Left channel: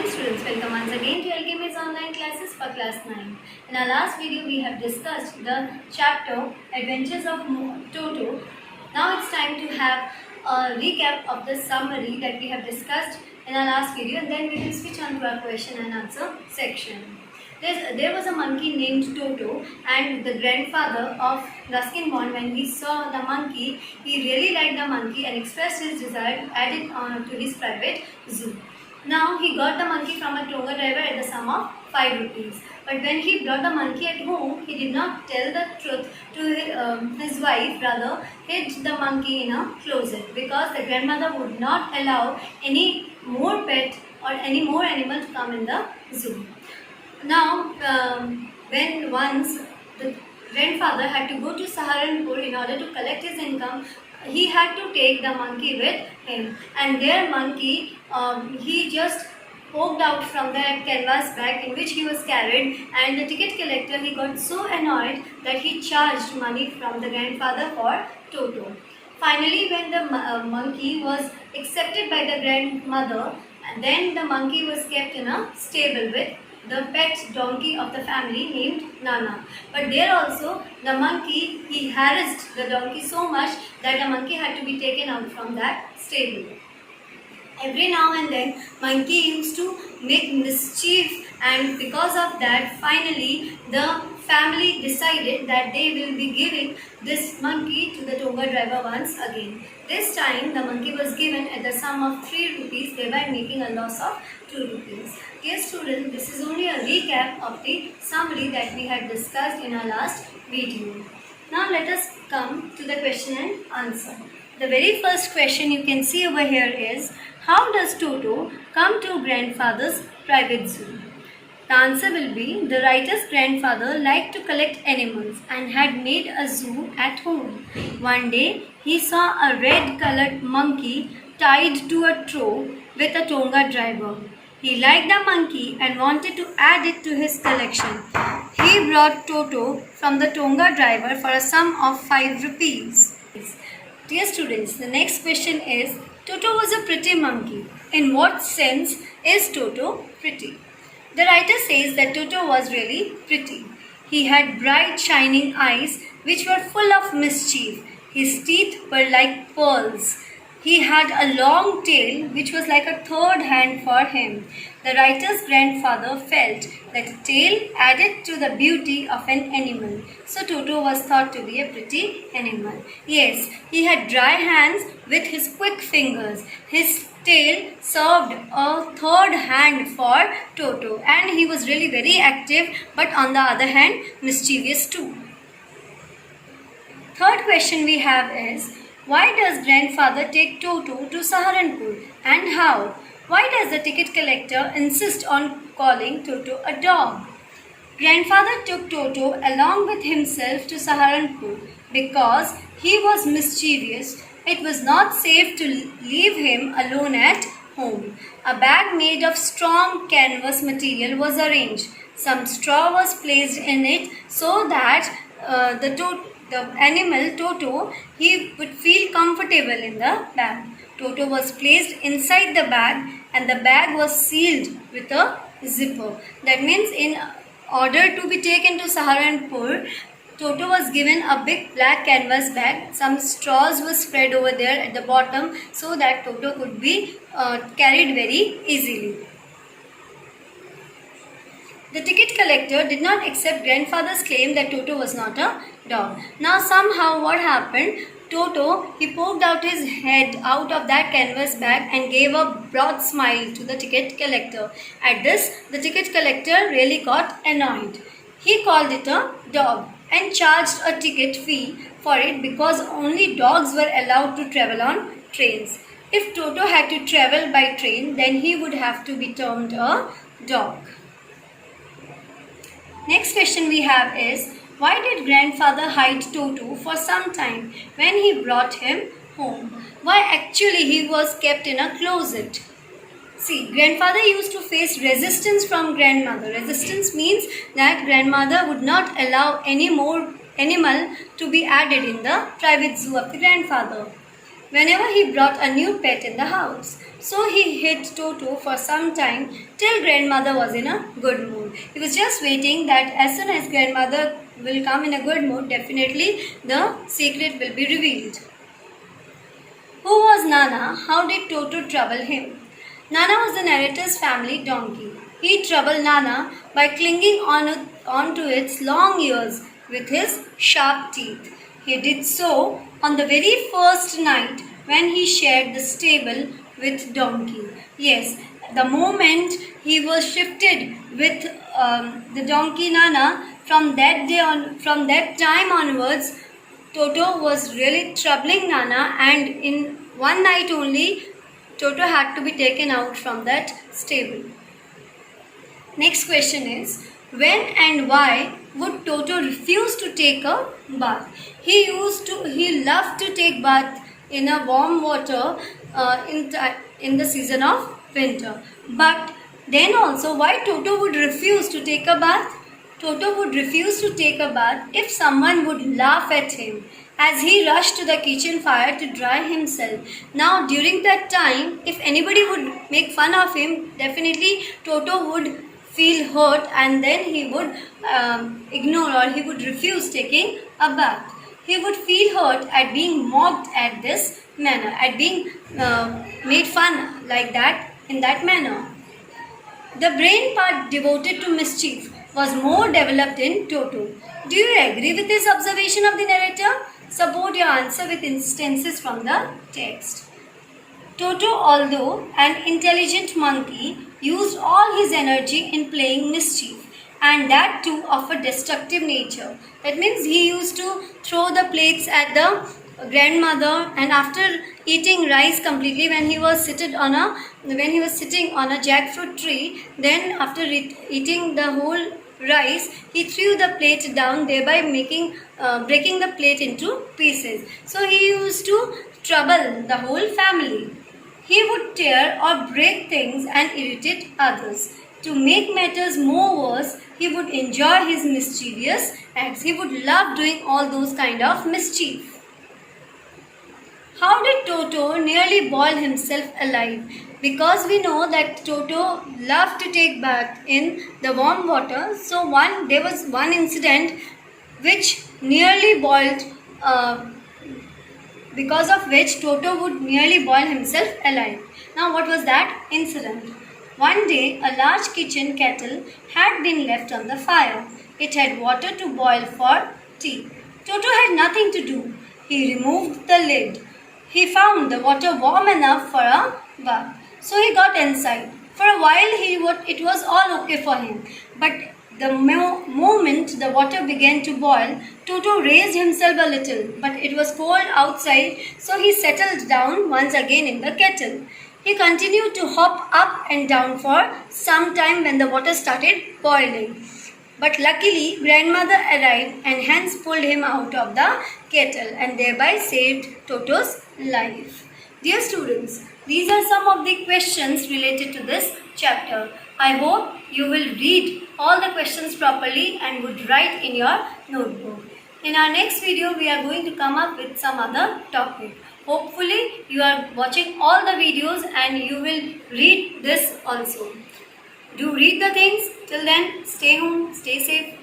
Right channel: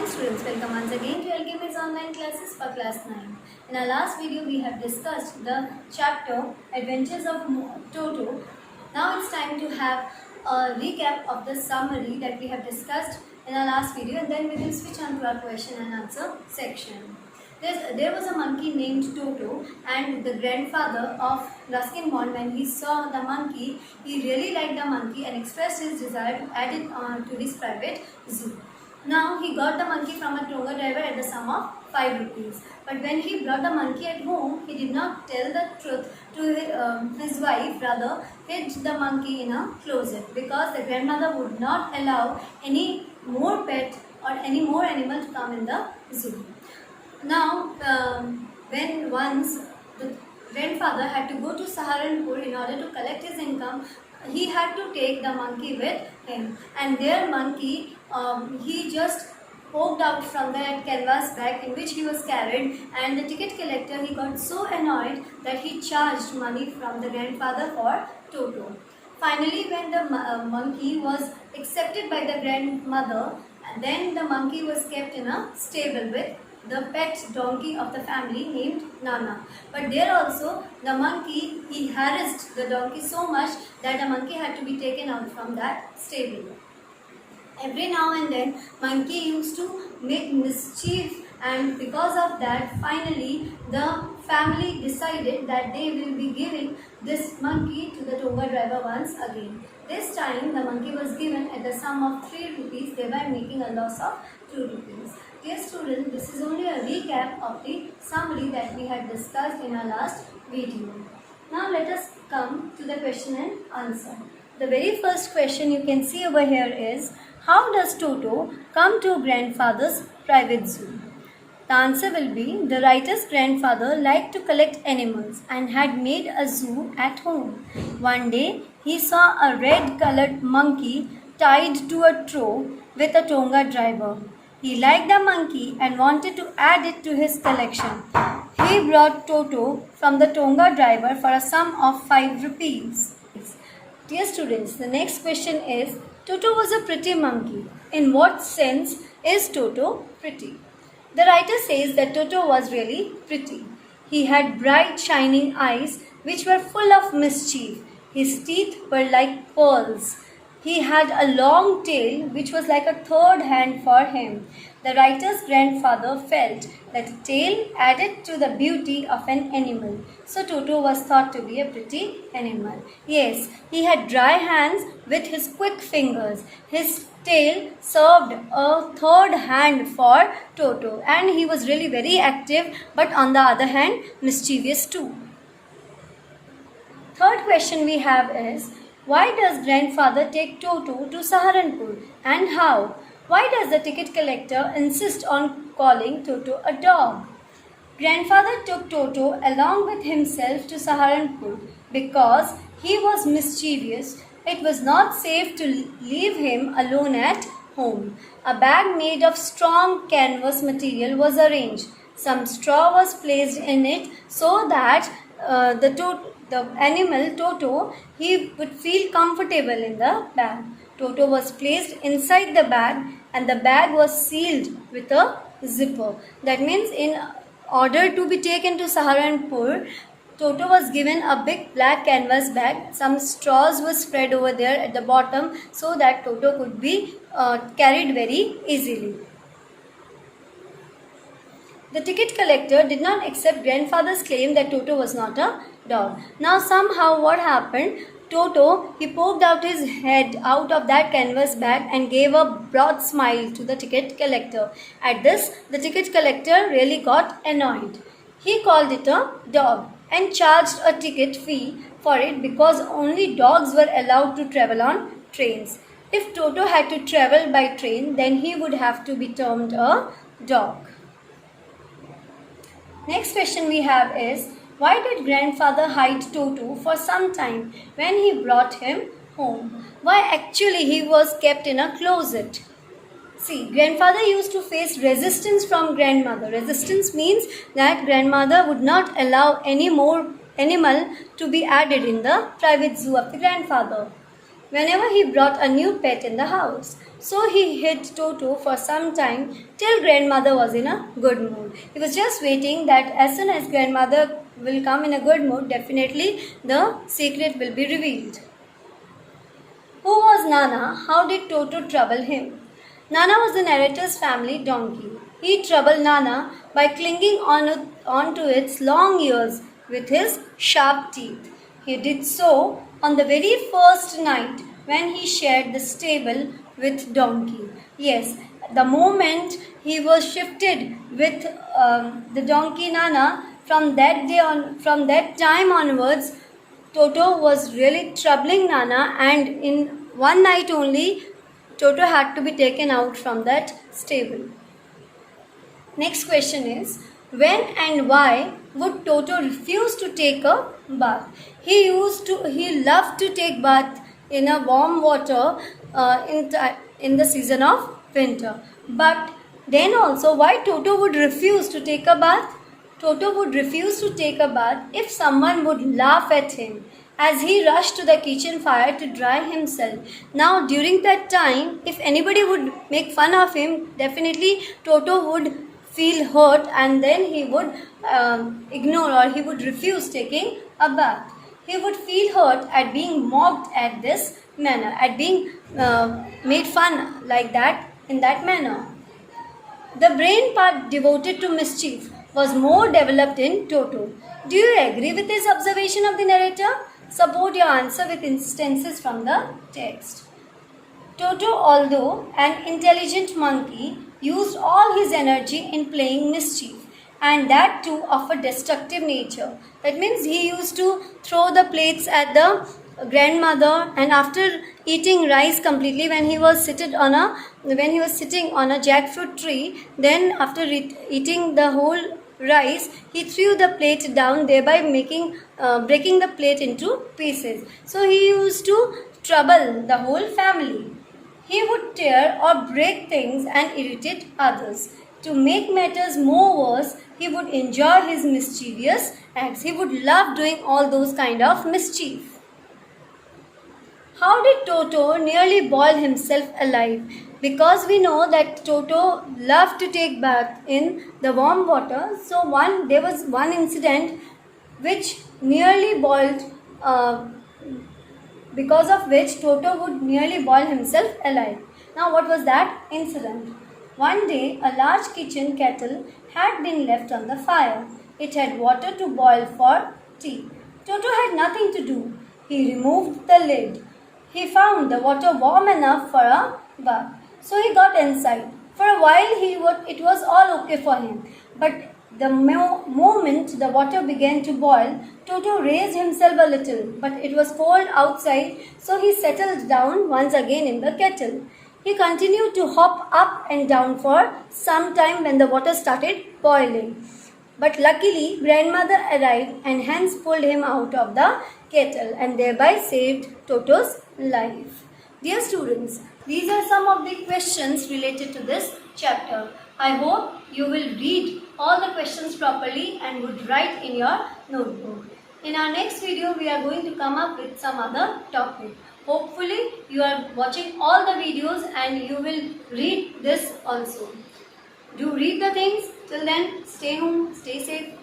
morning students, welcome once again to LKM's online classes for class 9. In our last video we have discussed the chapter Adventures of Toto. Now it's time to have a recap of the summary that we have discussed in our last video, and then we will switch on to our question and answer section. There was a monkey named Toto, and the grandfather of Ruskin Bond, when he saw the monkey, he really liked the monkey and expressed his desire to add it on to his private zoo. Now he got the monkey from a Tonga driver at the sum of 5 rupees. But when he brought the monkey at home, he did not tell the truth to his wife, rather hid the monkey in a closet, because the grandmother would not allow any more pet or any more animal to come in the zoo. Now, when once the grandfather had to go to Saharanpur in order to collect his income, he had to take the monkey with him, and their monkey he just poked out from that canvas bag in which he was carried, and the ticket collector, he got so annoyed that he charged money from the grandfather for Toto. Finally, when the monkey was accepted by the grandmother, then the monkey was kept in a stable with the pet donkey of the family named Nana. But there also the monkey, he harassed the donkey so much that the monkey had to be taken out from that stable. Every now and then monkey used to make mischief, and because of that finally the family decided that they will be giving this monkey to the Tonga driver once again. This time the monkey was given at the sum of 3 rupees, thereby making a loss of 2 rupees. Dear students, this is only a recap of the summary that we had discussed in our last video. Now let us come to the question and answer. The very first question you can see over here is, how does Toto come to grandfather's private zoo? The answer will be, the writer's grandfather liked to collect animals and had made a zoo at home. One day, he saw a red-colored monkey tied to a trough with a Tonga driver. He liked the monkey and wanted to add it to his collection. He brought Toto from the Tonga driver for a sum of 5 rupees. Dear students, the next question is, Toto was a pretty monkey. In what sense is Toto pretty? The writer says that Toto was really pretty. He had bright shining eyes which were full of mischief. His teeth were like pearls. He had a long tail which was like a third hand for him. The writer's grandfather felt that a tail added to the beauty of an animal. So Toto was thought to be a pretty animal. Yes, he had dry hands with his quick fingers. His tail served a third hand for Toto, and he was really very active, but on the other hand mischievous too. Third question we have is, why does grandfather take Toto to Saharanpur, and how? Why does the ticket collector insist on calling Toto a dog? Grandfather took Toto along with himself to Saharanpur because he was mischievous. It was not safe to leave him alone at home. A bag made of strong canvas material was arranged. Some straw was placed in it so that the animal Toto, he would feel comfortable in the bag. Toto was placed inside the bag, and the bag was sealed with a zipper. That means in order to be taken to Saharanpur, Toto was given a big black canvas bag. Some straws were spread over there at the bottom so that Toto could be carried very easily. The ticket collector did not accept grandfather's claim that Toto was not a dog. Now somehow what happened? Toto, he poked out his head out of that canvas bag and gave a broad smile to the ticket collector. At this, the ticket collector really got annoyed. He called it a dog and charged a ticket fee for it because only dogs were allowed to travel on trains. If Toto had to travel by train, then he would have to be termed a dog. Next question we have is, why did grandfather hide Toto for some time when he brought him home? Why actually he was kept in a closet? See, grandfather used to face resistance from grandmother. Resistance means that grandmother would not allow any more animal to be added in the private zoo of the grandfather. whenever he brought a new pet in the house. So he hid Toto for some time till grandmother was in a good mood. He was just waiting that as soon as grandmother will come in a good mood, definitely the secret will be revealed. Who was Nana? How did Toto trouble him? Nana was the narrator's family donkey. He troubled Nana by clinging onto its long ears with his sharp teeth. He did so on the very first night when he shared the stable with Donkey. Yes, the moment he was shifted with the donkey Nana, from that time onwards, Toto was really troubling Nana, and in one night only, Toto had to be taken out from that stable. Next question is, when and why would Toto refuse to take a bath? He loved to take bath in a warm water in the season of winter. But then also, why Toto would refuse to take a bath? Toto would refuse to take a bath if someone would laugh at him as he rushed to the kitchen fire to dry himself. Now, during that time, if anybody would make fun of him, definitely Toto would feel hurt, and then he would ignore, or he would refuse taking a bath. He would feel hurt at being mocked at this manner, at being made fun like that, in that manner. The brain part devoted to mischief was more developed in Toto. Do you agree with this observation of the narrator? Support your answer with instances from the text. Toto, although an intelligent monkey, used all his energy in playing mischief, and that too of a destructive nature. That means he used to throw the plates at the grandmother, and after eating rice completely, when he was sitting on a jackfruit tree, then after eating the whole rice, he threw the plate down, thereby breaking the plate into pieces. So he used to trouble the whole family. He would tear or break things and irritate others. To make matters more worse, he would enjoy his mischievous acts. He would love doing all those kind of mischief. How did Toto nearly boil himself alive? Because we know that Toto loved to take bath in the warm water. So there was one incident which nearly boiled, because of which Toto would nearly boil himself alive. Now, what was that incident? One day, a large kitchen kettle had been left on the fire. It had water to boil for tea. Toto had nothing to do. He removed the lid. He found the water warm enough for a bath. So he got inside. For a while, it was all okay for him. But the moment the water began to boil, Toto raised himself a little, but it was cold outside, so he settled down once again in the kettle. He continued to hop up and down for some time when the water started boiling. But luckily, grandmother arrived and hence pulled him out of the kettle and thereby saved Toto's life. Dear students, these are some of the questions related to this chapter. I hope you will read all the questions properly and would write in your notebook. In our next video, we are going to come up with some other topic. Hopefully, you are watching all the videos and you will read this also. Do read the things. Till then, stay home, stay safe.